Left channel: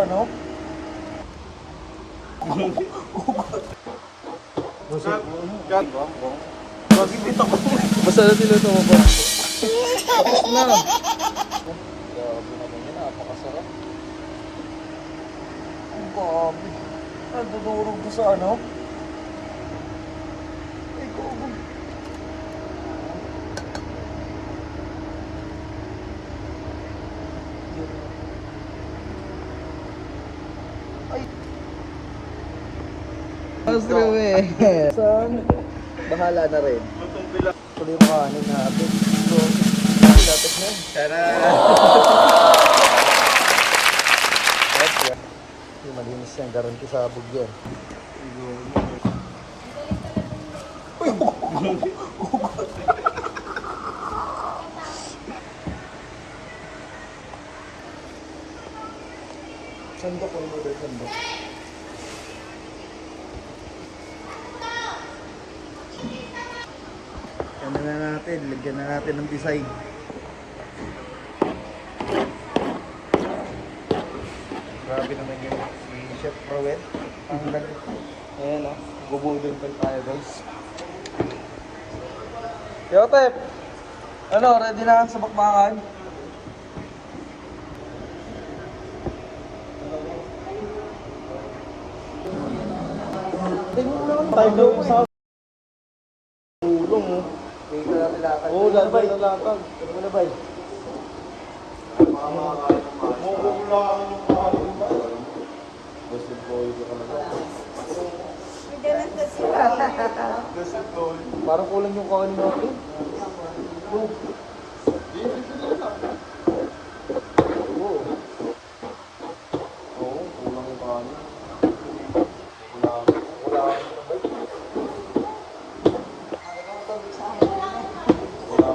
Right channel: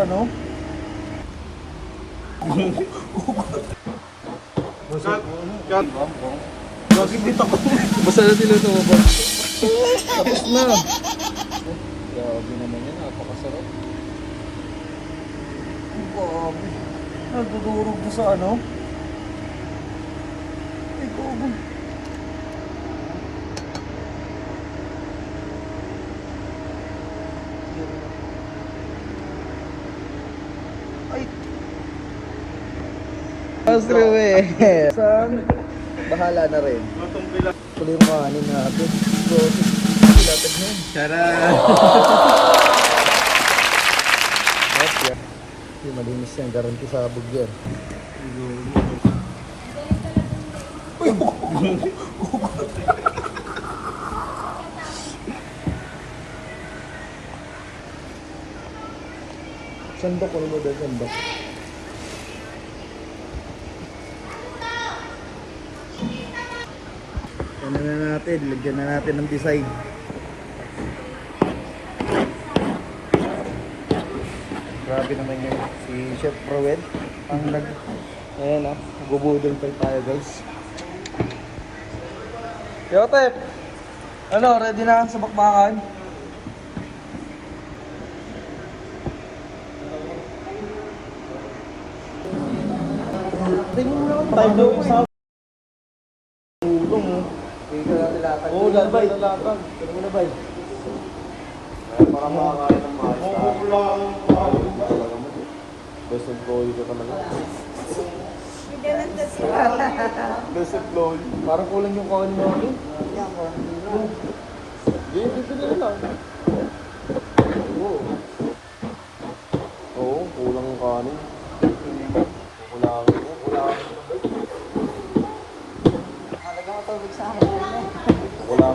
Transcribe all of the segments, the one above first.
ano? Lagi dito ko. Basta na tinuto mo ba? Tapos na. Grabe naman yan, napakasarap. Ang grabe. Nagdudurog na sa ano? Ay, gogo. Ay. Astro eh. Saan? Bahala na rin. Tuloy yung kanin natin. So, latag na yun. Tara! Yung malinis yan, garanti sabog yan. Sandok, ano mo dahil sandok? Ano na natin, lagyan na natin ng design. Grabe naman yun. Si Chef Rowell. Ang Ayan o, nagubudol pa tayo guys. Yotep! Ano, ready na sa bakbakan? Tingnan mo naman tayo ko sa ulong mo. Dito natin latag. Oo, latag na latag. Ano mo na bay? Best boy ko ka naman. Parang kulang yung kawan natin. Oo. Oo, kulang yung kanin.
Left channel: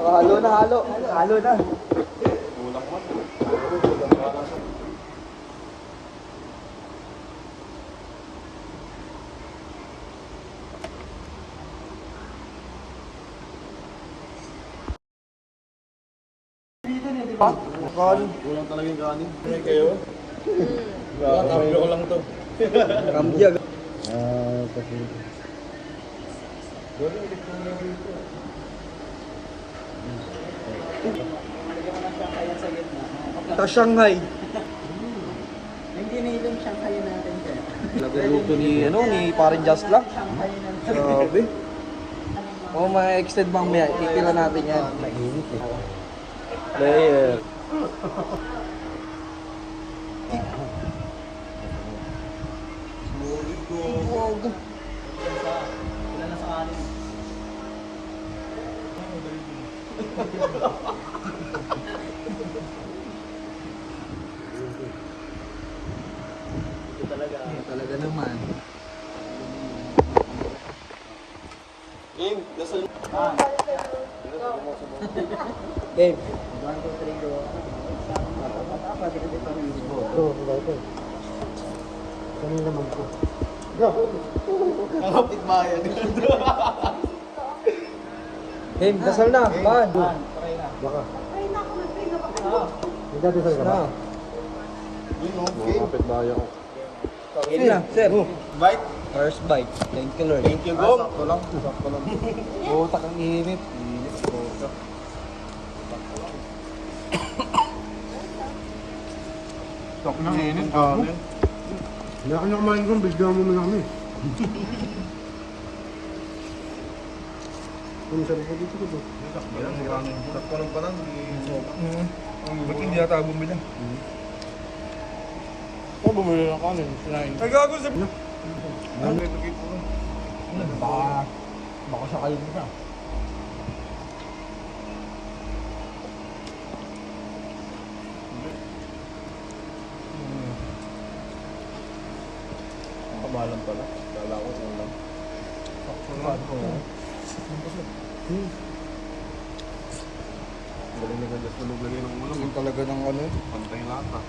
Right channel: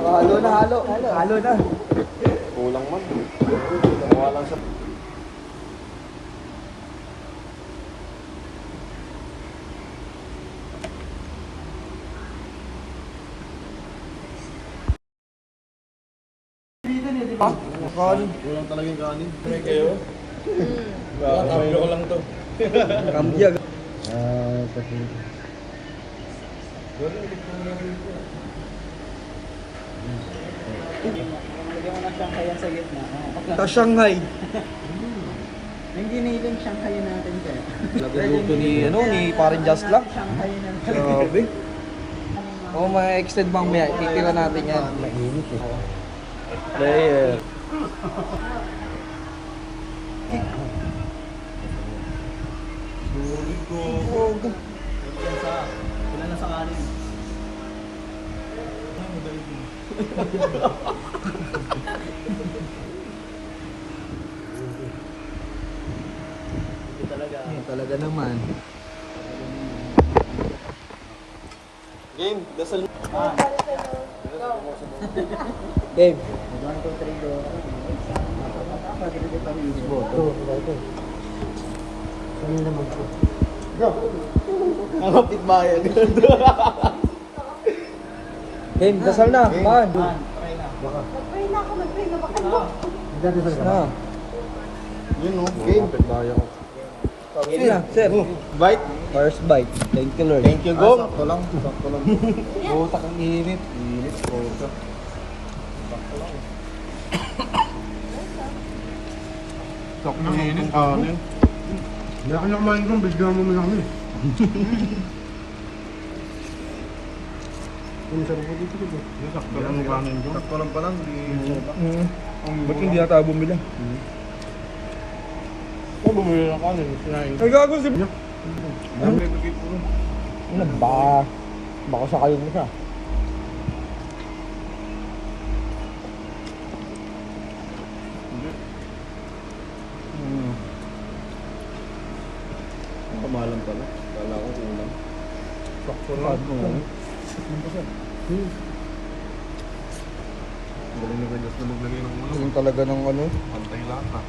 Halo na, halo. Halo na. Kulang man. Oo, kulang wala siya. Kanin. Kulang talaga yung kanin. May kayo? Kambyo ko lang to. Kambya. Kasi... Lagyan ko ng Shanghai yan sa gitna. Sa Shanghai. Yung giniling Shanghai natin kaya. Nagluto ni, ano, ni Parin Just lang. Shanghai na lang. Grabe. O, ma-extend bang may titira natin yan. Mainit eh. Layer. Ilan na sa kanin? Talaga naman. Game, dasal. Babe. 1, 2, 3, go. Ano naman po? Ang kapit bayan. Babe, dasal na. Man. Try na. Dasal na. Yun o, game. Kapit bayan ko. Sige na, sir. Bike. First bite. Thank you, Lord. Thank you, go. Sakto lang. Sakto lang. Butak ang init. Init, puto. Sakto lang. Init, kanin. Hindi ka na kumain kung bigyan mo na kami. Ang sarap po dito dito. Sakto lang pala. Ba't hindi yata bumili? Oh, bumili na ako. Sinayin. Ay, gago si... Ano ba? Baka sakali mo siya. Kamalan pala. Kala ko kulang. Sakto lang. Lasing talaga ng ano. Pantay lang ha.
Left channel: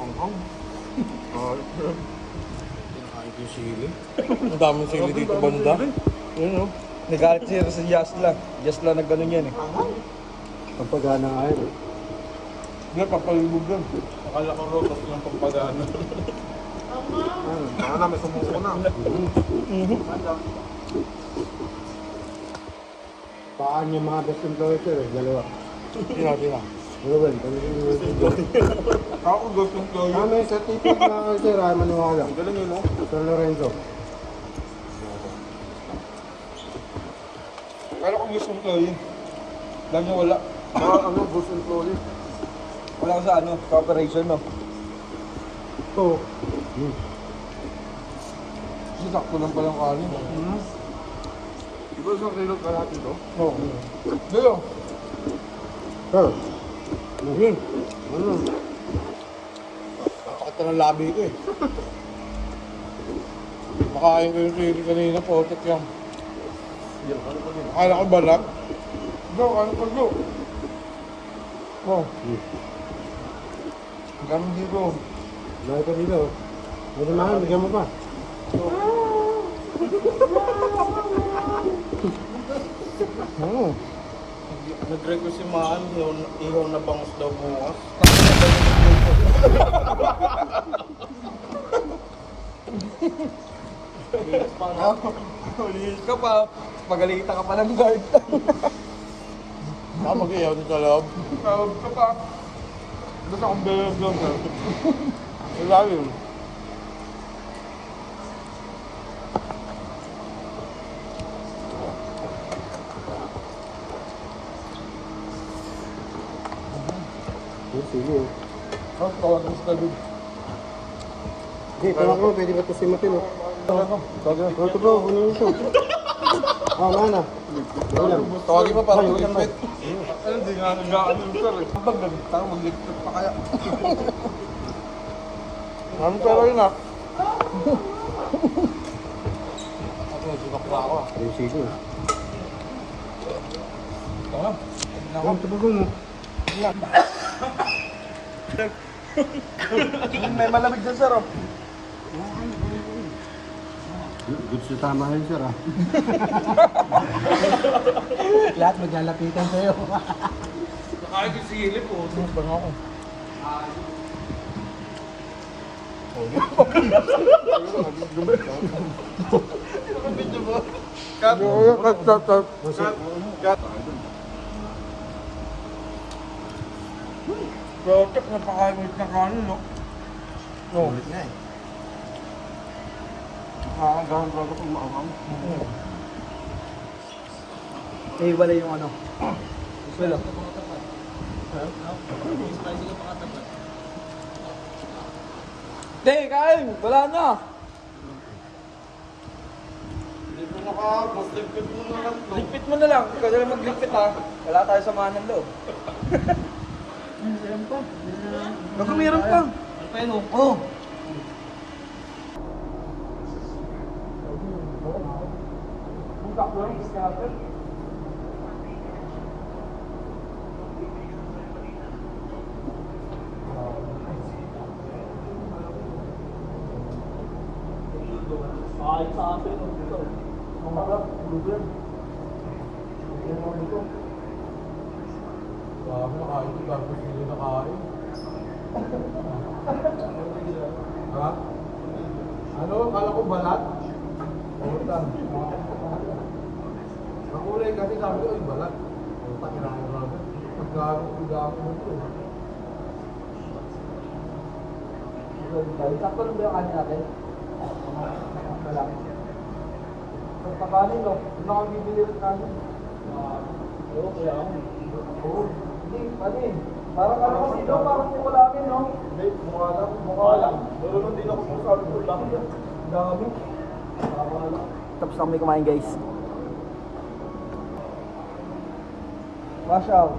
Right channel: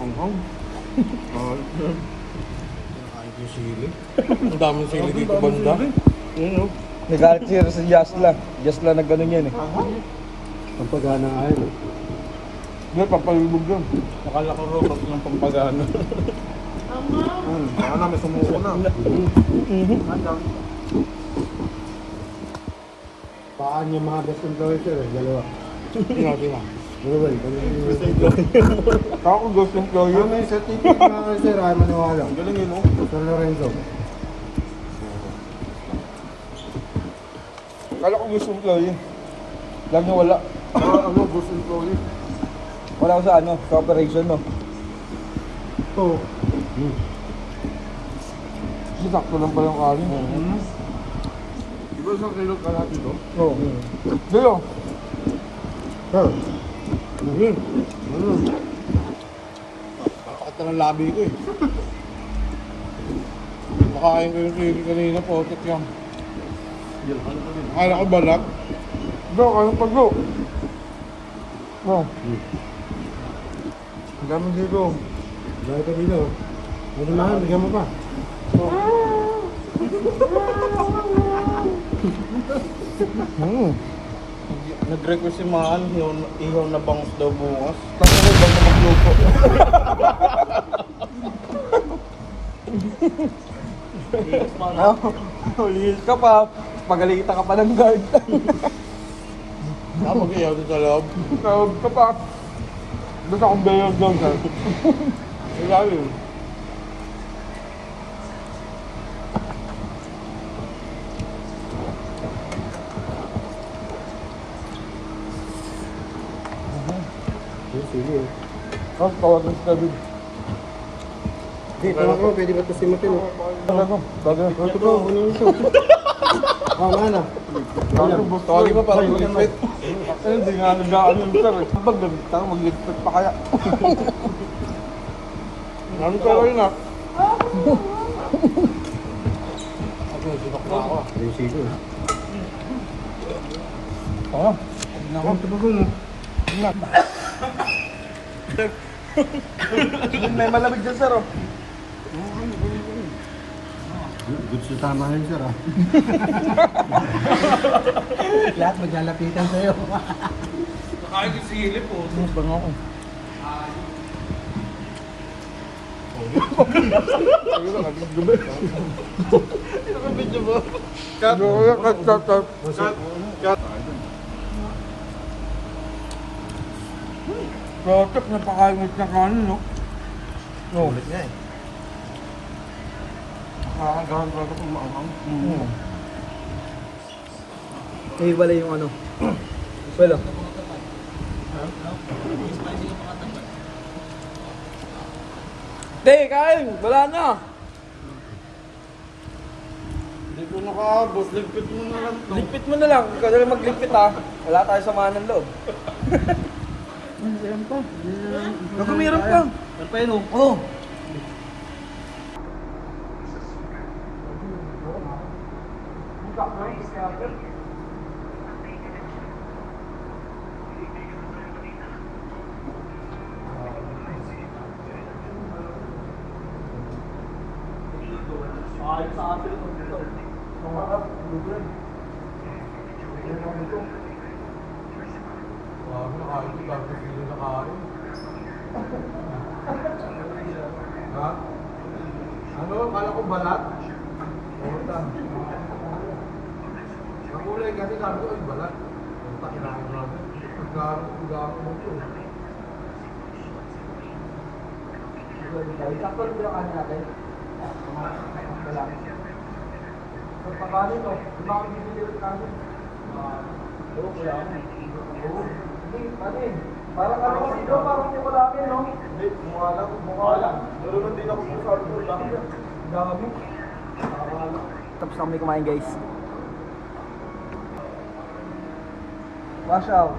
Ang hang. Kinakain ko sili. Ang daming sili dito banda. Ano? Nagalit si Jasla. Jasla na gano'n yan eh. Pampagana nga yun eh. Hindi, papalubog yun. Akala ko ro ng pampagano. Baka na, may sumuko na. Paan yung mga best employee sir eh, dalawa. Tina. Ruben, Ako gusto ko Ano may certificate na kayo sir, ay maniwala. Ang galing yun, no? Sir Lorenzo. Kala ko gusto employee. Lang niya wala. Ano, gusto employee? Wala ko sa ano, sa operation no. Ito. Sakto lang palang kanin. Di ba isang kilo kalahati ito? Oo. Dito. Sir. Ano? Bakit ng labi ito eh. Makain ko yung kilo kanina, potek yan. Akala ko balat. Dito, ano pa dito? Oh. Ang dami dito. Dami ka dito. Pwede mahal, bigyan mo pa. Nag-request si Mahal, ihaw na bangus daw bukas. Tapos na ba magluto? Linis ka pa. Pagalitan ka pa ng guard. Mag-ihaw sa loob. Tawag ka pa. Doon akong dalang sir. Grabe yun. Sige. Tapos tawagan si David. Hindi, kaya ko, pwede ba kasimutin mo? Tawagan. Ito bro, ano ito? Mana? Tawagin pa para mag-wait. Ano, hindi nga nag-ano yung sir. Pag nagtang, mag-ligpit pa kaya. Marami ka rin ah. Ako, sibak na ako. Yung sige. Oo. May malamig dyan sir oh. Good sa tama rin sir ah. Lahat maglalapitan sa'yo. Kahit si Hilip po. Rotok, napakaimit na kanin no? Ulit nga eh. Nakakaganda ko kung maamam. Iwala yung ano. Wala. Hindi, kain! Wala na! Ligpit na ka, boss. Ligpit mo na lang. Ligpit mo na lang. Ikaw na lang magligpit ha. Wala tayo samahan ng loob. Meron pa. Baka mayroon pa. Pa yun, oh. Grabe, nakain ko. Dami kilo na kain. Ha? Ano? Kala ko balat? Puta. Ang kulay kasi sabi ko, ay balat. Puta, kinain ko naman. Pagkaro mo ito. Sakto lang ba yung kanin natin? Wala. Sa pagkanin no? Di ba kami bibili yung kanin? Oo, kaya ano. Oo. Hindi, kanin. Parang ano ko dito, parang mukha namin no? Hindi, mukha lang. Pero hindi ako mukha lang. Dami. Tapos na kami kumain guys. Wash out.